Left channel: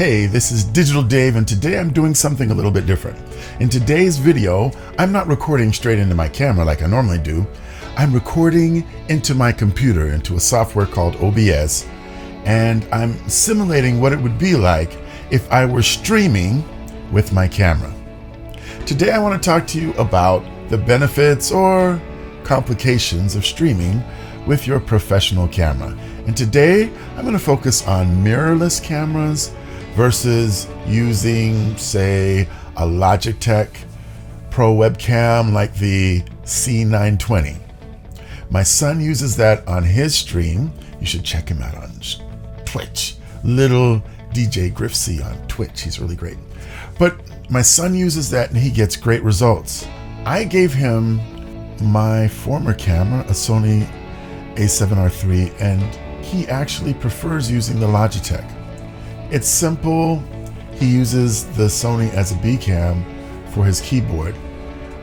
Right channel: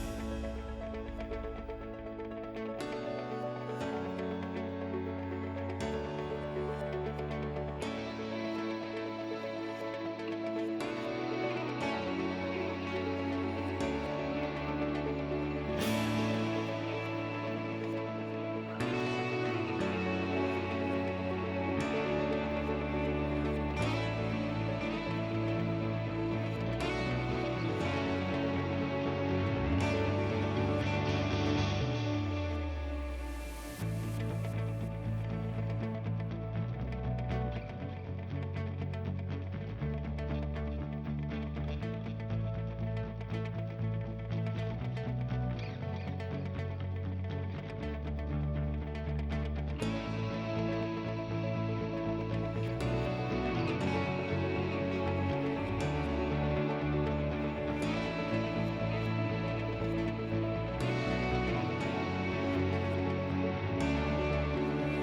Hey, this is Digital Dave, and today I'm doing something a little bit different. In today's video, I'm not recording straight into my camera like I normally do. I'm recording into my computer, into a software called OBS, and I'm simulating what it would be like if I were streaming with my camera. Today I want to talk to you about the benefits or complications of streaming with your professional camera. And today I'm going to focus on mirrorless cameras versus using, say, a Logitech Pro webcam like the C920. My son uses that on his stream. You should check him out on Twitch. Little DJ Griffsy on Twitch. He's really great. But my son uses that and he gets great results. I gave him my former camera, a Sony a7R III, and he actually prefers using the Logitech. It's simple. He uses the Sony as a B cam for his keyboard,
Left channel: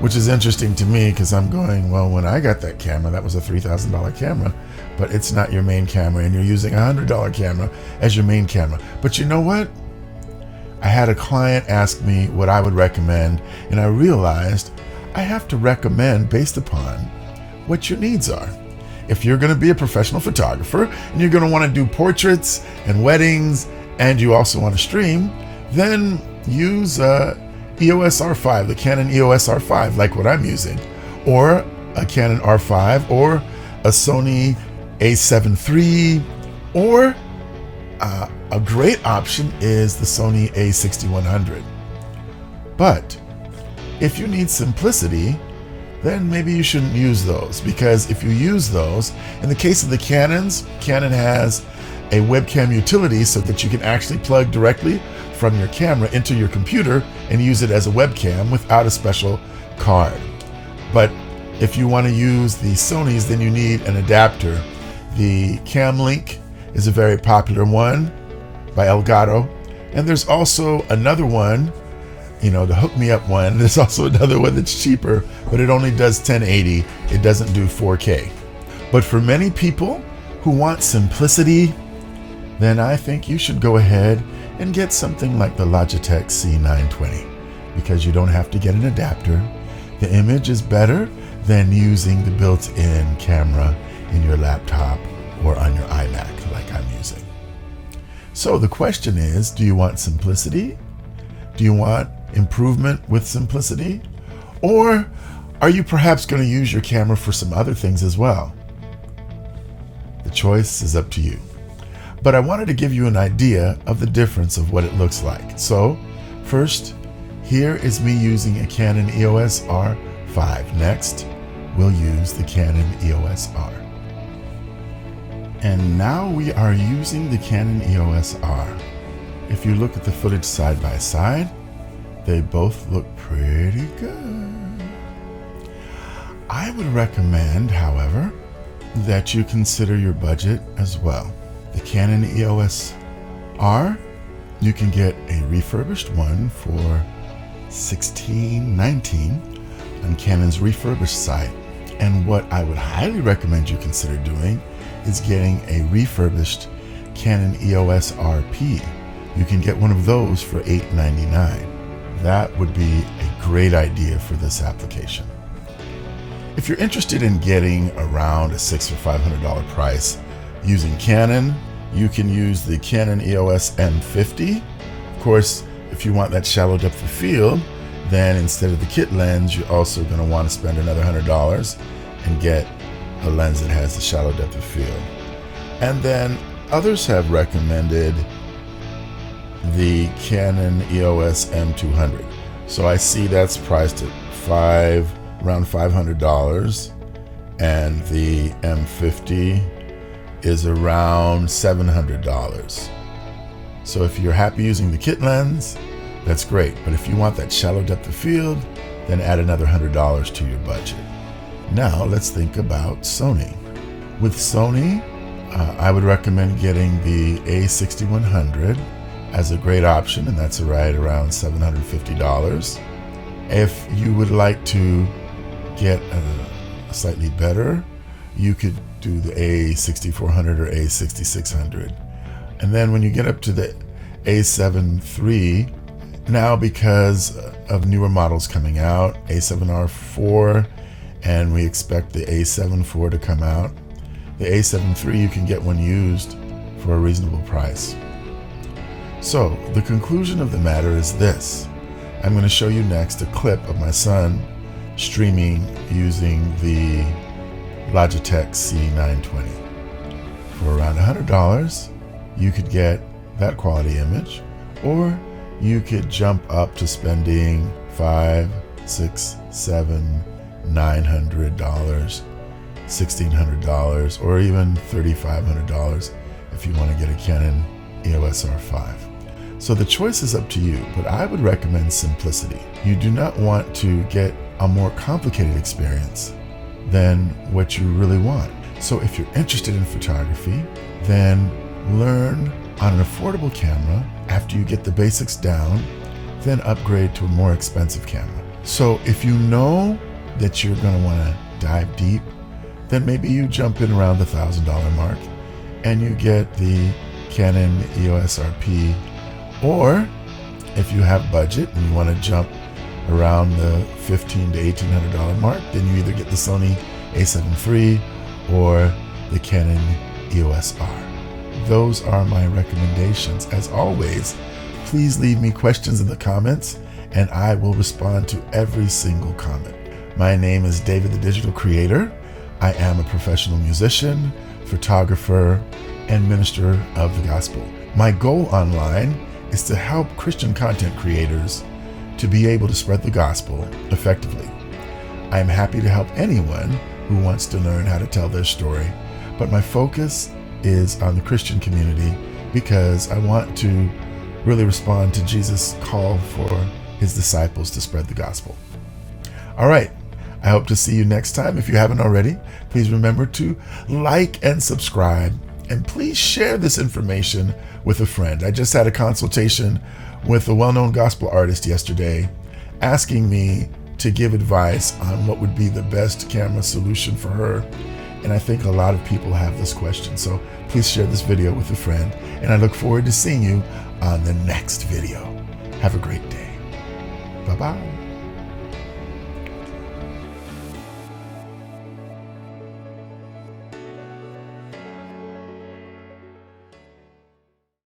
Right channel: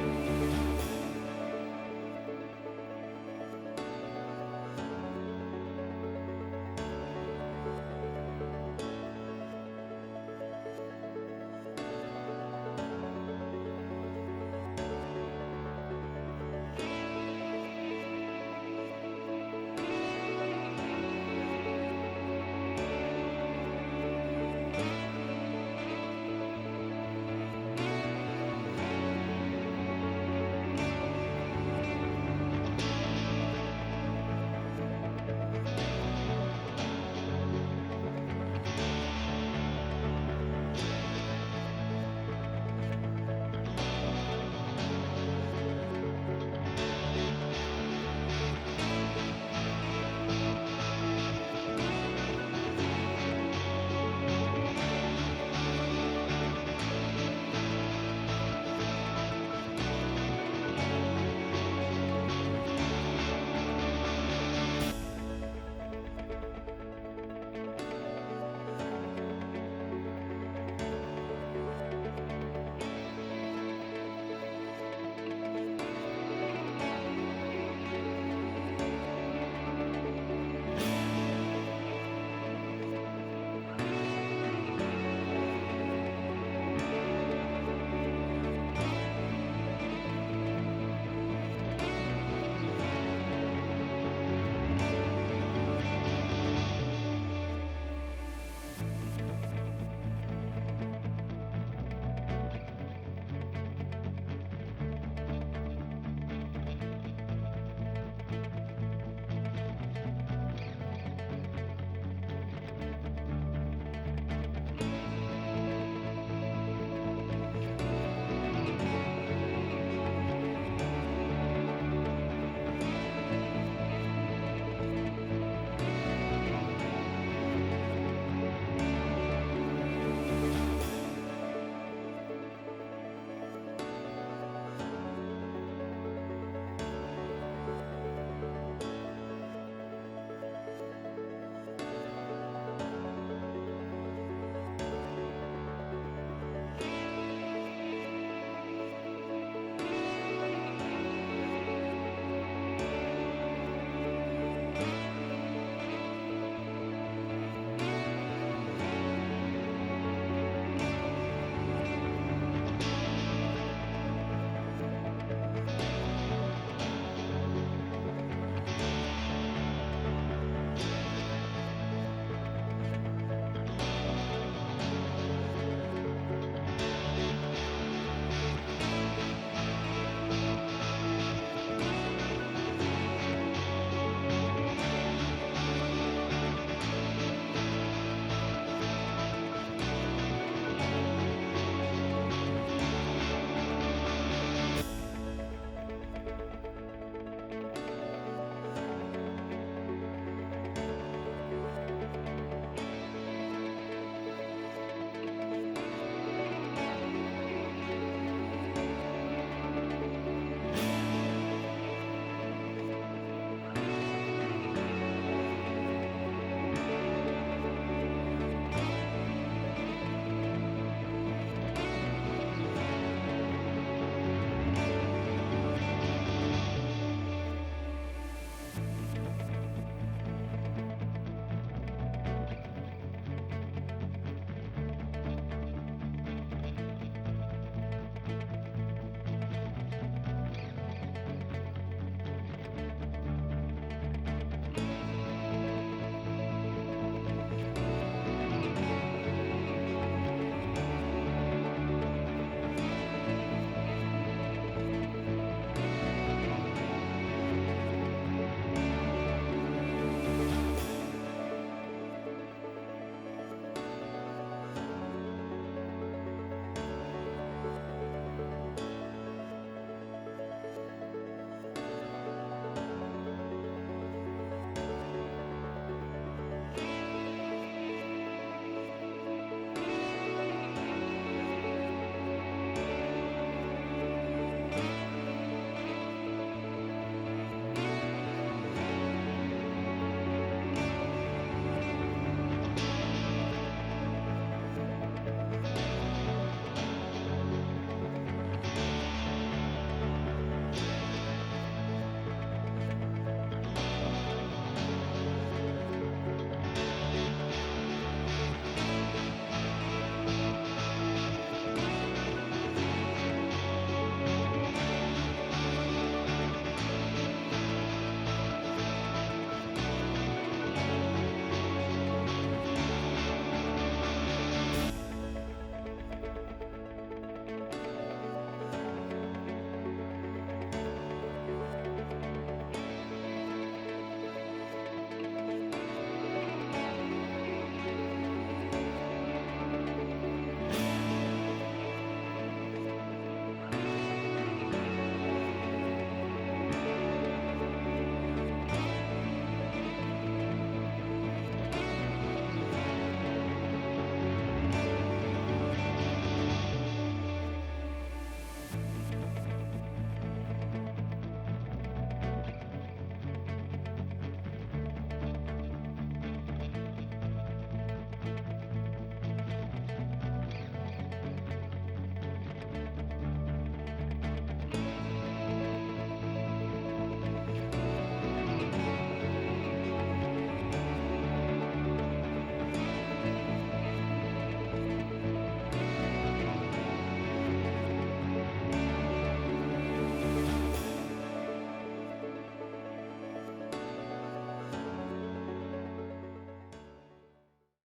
which is interesting to me because I'm going, well, when I got that camera, that was a $3,000 camera, but it's not your main camera and you're using a $100 camera as your main camera. But you know what? I had a client ask me what I would recommend, and I realized I have to recommend based upon what your needs are. If you're going to be a professional photographer and you're going to want to do portraits and weddings and you also want to stream, then use EOS R5, the Canon EOS R5, like what I'm using, or a Canon R5, or a Sony a7 III, or a great option is the Sony a6100. But if you need simplicity, then maybe you shouldn't use those, because if you use those, in the case of the Canons, Canon has a webcam utility so that you can actually plug directly from your camera into your computer and use it as a webcam without a special card. But if you want to use the Sonys, then you need an adapter. The CamLink is a very popular one by Elgato, and there's also another one, the Hook Me Up one. There's also another one that's cheaper, but it only does 1080. It doesn't do 4K. But for many people who want simplicity, then I think you should go ahead and get something like the Logitech C920, because you don't have to get an adapter. The image is better than using the built-in camera in your laptop or on your iMac like I'm using. So the question is, do you want simplicity? Do you want improvement with simplicity? Or are you perhaps going to use your camera for some other things as well? The choice is up to you. But I wanted to give you an idea of the difference of what it looks like. So first, here is me using a Canon EOS R5. Next, we'll use the Canon EOS R. And now we are using the Canon EOS R. If you look at the footage side by side, they both look pretty good. I would recommend, however, that you consider your budget as well. The Canon EOS R, you can get a refurbished one for $16.19 on Canon's refurbished site. And what I would highly recommend you consider doing is getting a refurbished Canon EOS RP. You can get one of those for $8.99. That would be a great idea for this application. If you're interested in getting around a $600 or $500 price using Canon, you can use the Canon EOS M50. Of course, if you want that shallow depth of field, then instead of the kit lens, you're also going to want to spend another $100 and get a lens that has the shallow depth of field. And then others have recommended the Canon EOS M200. So I see that's priced at around $500, and the M50 is around $700. So if you're happy using the kit lens, that's great. But if you want that shallow depth of field, then add another $100 to your budget. Now let's think about Sony. With Sony, I would recommend getting the a6100 as a great option, and that's right around $750. If you would like to get a slightly better, you could do the a6400 or a6600. And then when you get up to the A7 III. Now, because of newer models coming out, A7R4, and we expect the A7 IV to come out, the A7 III you can get one used for a reasonable price. So the conclusion of the matter is this. I'm going to show you next a clip of my son streaming using the Logitech C920. For around $100, you could get that quality image, or you could jump up to spending $500, $600, $700, $900, $1,600, or even $3,500 if you want to get a Canon EOS R5. So the choice is up to you, but I would recommend simplicity. You do not want to get a more complicated experience than what you really want. So if you're interested in photography, then learn on an affordable camera. After you get the basics down, then upgrade to a more expensive camera. So if you know that you're going to want to dive deep, then maybe you jump in around the $1,000 mark and you get the Canon EOS RP. Or if you have budget and you want to jump around the $1,500 to $1,800 mark, then you either get the Sony A7 III or the Canon EOS R. Those are my recommendations. As always, please leave me questions in the comments and I will respond to every single comment. My name is David the Digital Creator. I am a professional musician, photographer, and minister of the gospel. My goal online is to help Christian content creators to be able to spread the gospel effectively. I am happy to help anyone who wants to learn how to tell their story, but my focus is on the Christian community because I want to really respond to Jesus' call for his disciples to spread the gospel. All right, I hope to see you next time. If you haven't already, please remember to like and subscribe, and please share this information with a friend. I just had a consultation with a well-known gospel artist yesterday asking me to give advice on what would be the best camera solution for her. And I think a lot of people have this question. So please share this video with a friend. And I look forward to seeing you on the next video. Have a great day. Bye-bye.